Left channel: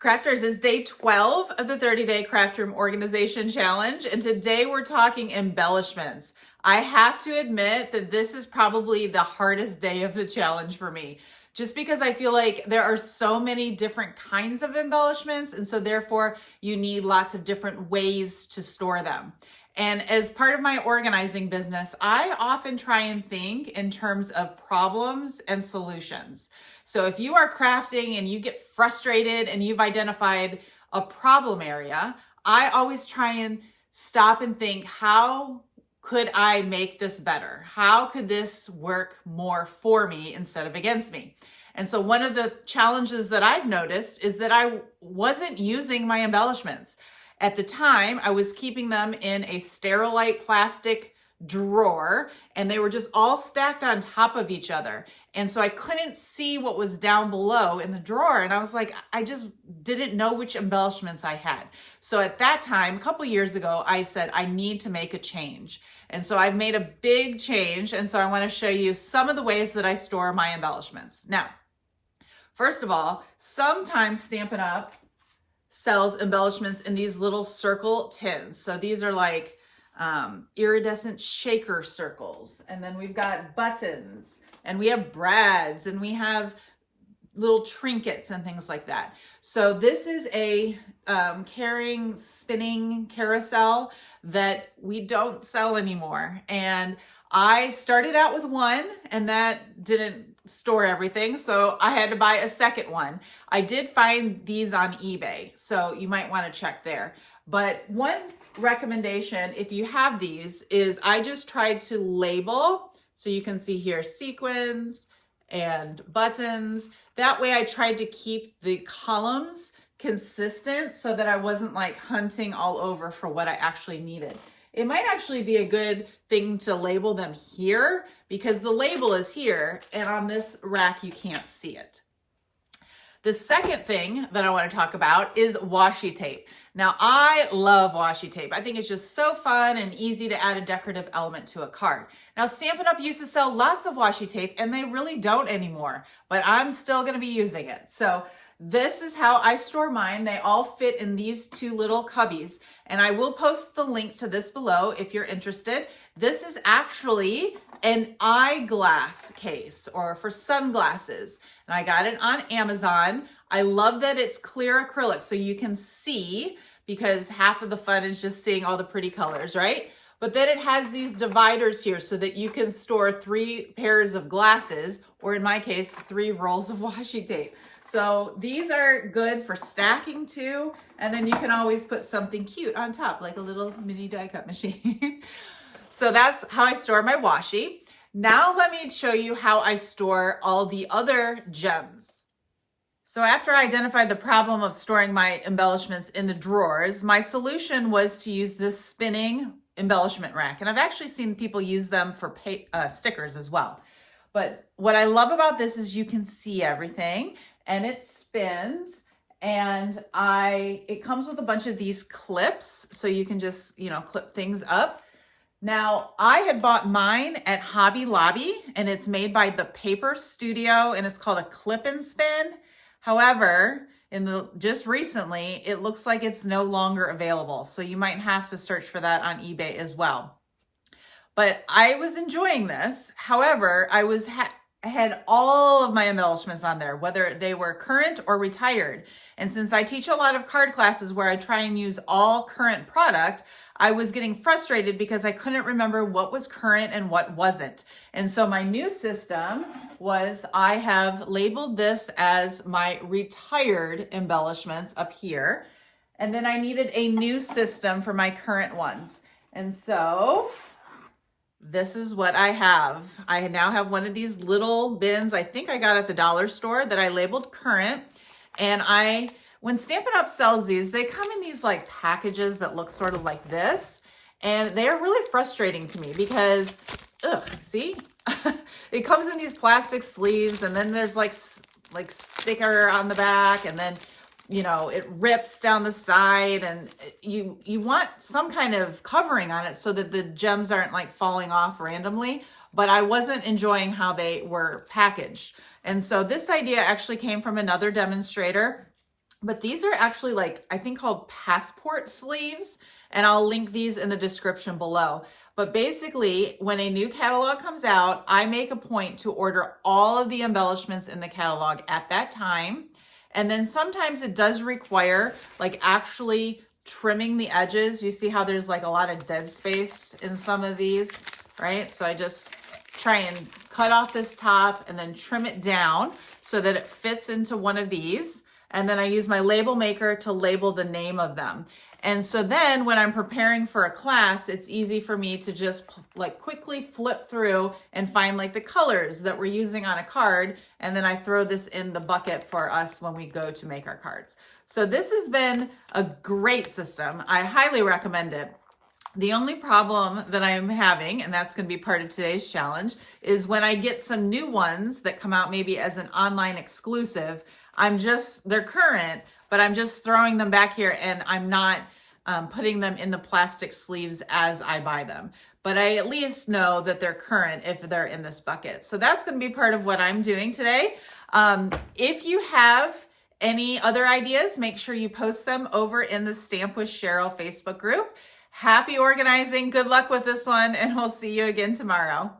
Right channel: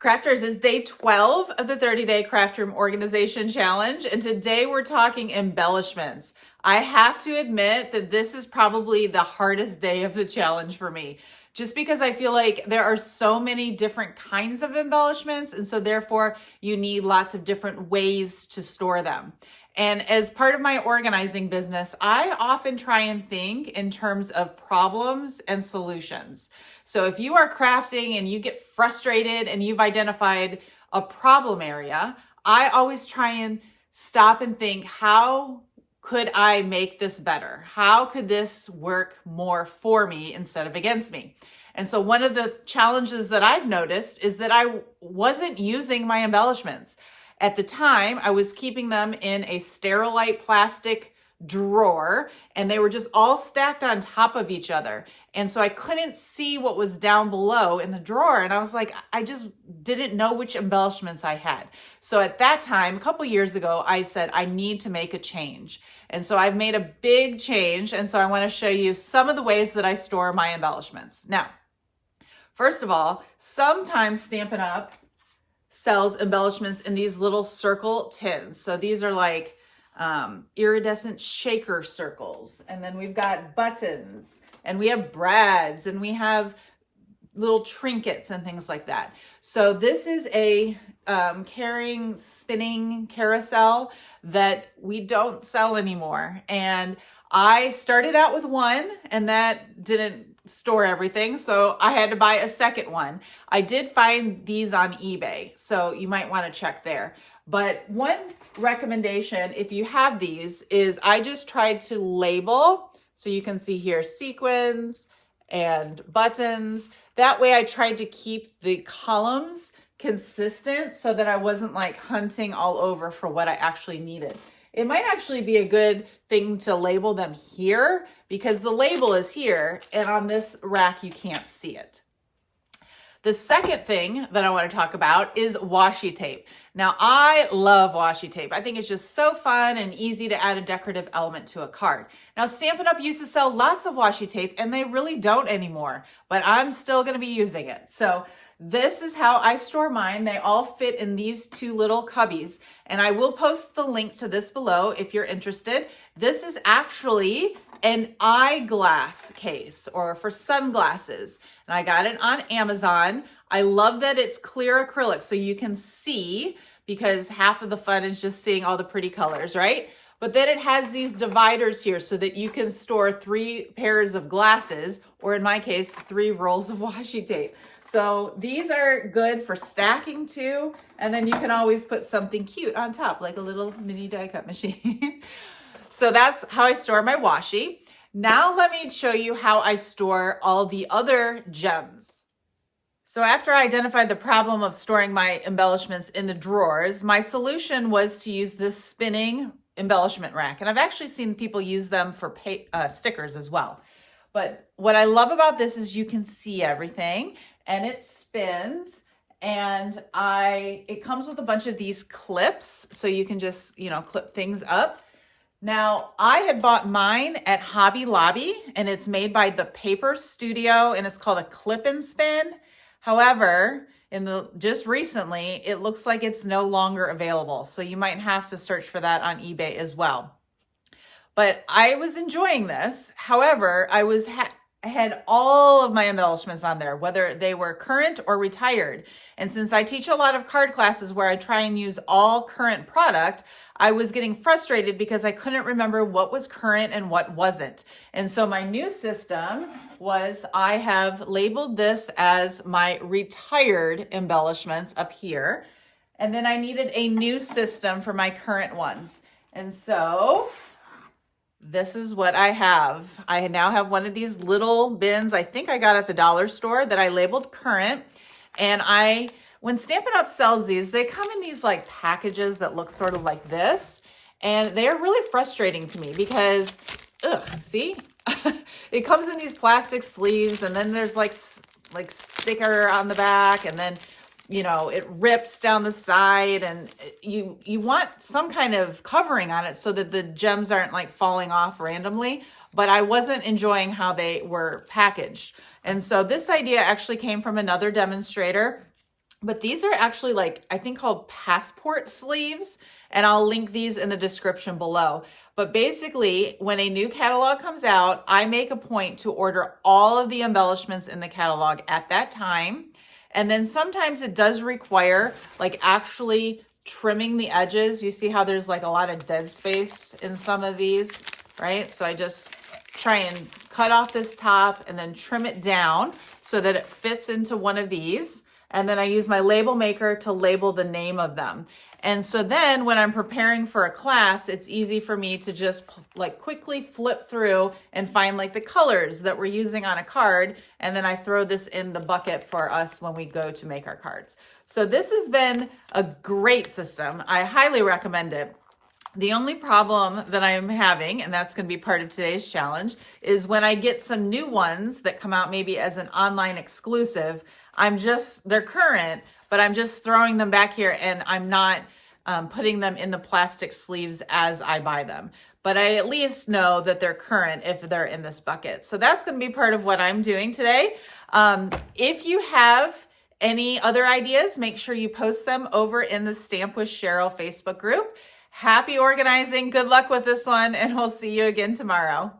Crafters, it's day 12 of the 30-day craft room organization challenge, and today we're talking embellishments. I have to admit that this is probably the hardest day of the challenge for me, just because I feel like there are so many different kinds of embellishments, and so therefore you need lots of different ways to store them. And as part of my organizing business, I often try and think in terms of problems and solutions. So if you are crafting and you get frustrated and you've identified a problem area, I always try and stop and think, how could I make this better? How could this work more for me instead of against me? And so one of the challenges that I've noticed is that I wasn't using my embellishments. At the time, I was keeping them in a Sterilite plastic drawer, and they were just all stacked on top of each other. And so I couldn't see what was down below in the drawer. And I was like, I just didn't know which embellishments I had. So at that time, a couple years ago, I said, I need to make a change. And so I've made a big change. And so I want to show you some of the ways that I store my embellishments. Now, first of all, sometimes Stampin' Up! Sells embellishments in these little circle tins. So these are like iridescent shaker circles. And then we've got buttons, and we have brads, and we have little trinkets and things like that. So this is a carrying spinning carousel that we don't sell anymore. And I started out with one, and that didn't store everything, so I had to buy a second one. I did find these on eBay, so you might want to check there. But one recommendation, if you have these, is I just tried to label, so you can see here sequins and buttons. That way I tried to keep the columns consistent so that I wasn't like hunting all over for what I actually needed. It might actually be a good thing to label them here, because the label is here, and on this rack you can't see it. The second thing that I want to talk about is washi tape. Now, I love washi tape. I think it's just so fun and easy to add a decorative element to a card. Now, Stampin' Up! Used to sell lots of washi tape, and they really don't anymore, but I'm still going to be using it. So this is how I store mine. They all fit in these two little cubbies, and I will post the link to this below if you're interested. This is actually an eyeglass case, or for sunglasses, and I got it on Amazon. I love that it's clear acrylic, so you can see, because half of the fun is just seeing all the pretty colors, right? But then it has these dividers here so that you can store 3 pairs of glasses, or in my case, 3 rolls of washi tape. So these are good for stacking too, and then you can always put something cute on top, like a little mini die cut machine. So that's how I store my washi. Now let me show you how I store all the other gems. So after I identified the problem of storing my embellishments in the drawers, my solution was to use this spinning embellishment rack. And I've actually seen people use them for stickers as well. But what I love about this is you can see everything, and it spins, and it comes with a bunch of these clips, so you can just, clip things up. Now, I had bought mine at Hobby Lobby, and it's made by the Paper Studio, and it's called a clip and spin. However, just recently, it looks like it's no longer available. So you might have to search for that on eBay as well. But I was enjoying this. However, I had all of my embellishments on there, whether they were current or retired. And since I teach a lot of card classes where I try and use all current product, I was getting frustrated because I couldn't remember what was current and what wasn't. And so my new system was, I have labeled this as my retired embellishments up here. And then I needed a new system for my current ones. And so this is what I have. I now have one of these little bins, I think I got at the dollar store, that I labeled current. And when Stampin' Up! Sells these, they come in these like packages that look sort of like this. And they are really frustrating to me because, see? It comes in these plastic sleeves, and then there's like sticker on the back, and then, it rips down the side, and you want some kind of covering on it so that the gems aren't like falling off randomly. But I wasn't enjoying how they were packaged. And so this idea actually came from another demonstrator. But these are actually like, I think called passport sleeves, and I'll link these in the description below. But basically, when a new catalog comes out, I make a point to order all of the embellishments in the catalog at that time. And then sometimes it does require like actually trimming the edges. You see how there's like a lot of dead space in some of these, right? So I just try and cut off this top and then trim it down so that it fits into one of these. And then I use my label maker to label the name of them. And so then when I'm preparing for a class, it's easy for me to just like quickly flip through and find like the colors that we're using on a card. And then I throw this in the bucket for us when we go to make our cards. So this has been a great system. I highly recommend it. The only problem that I'm having, and that's going to be part of today's challenge, is when I get some new ones that come out maybe as an online exclusive, they're current, but I'm just throwing them back here and I'm not putting them in the plastic sleeves as I buy them. But I at least know that they're current if they're in this bucket. So that's going to be part of what I'm doing today. If you have any other ideas, make sure you post them over in the Stamp with Cheryl Facebook group. Happy organizing. Good luck with this one, and we'll see you again tomorrow.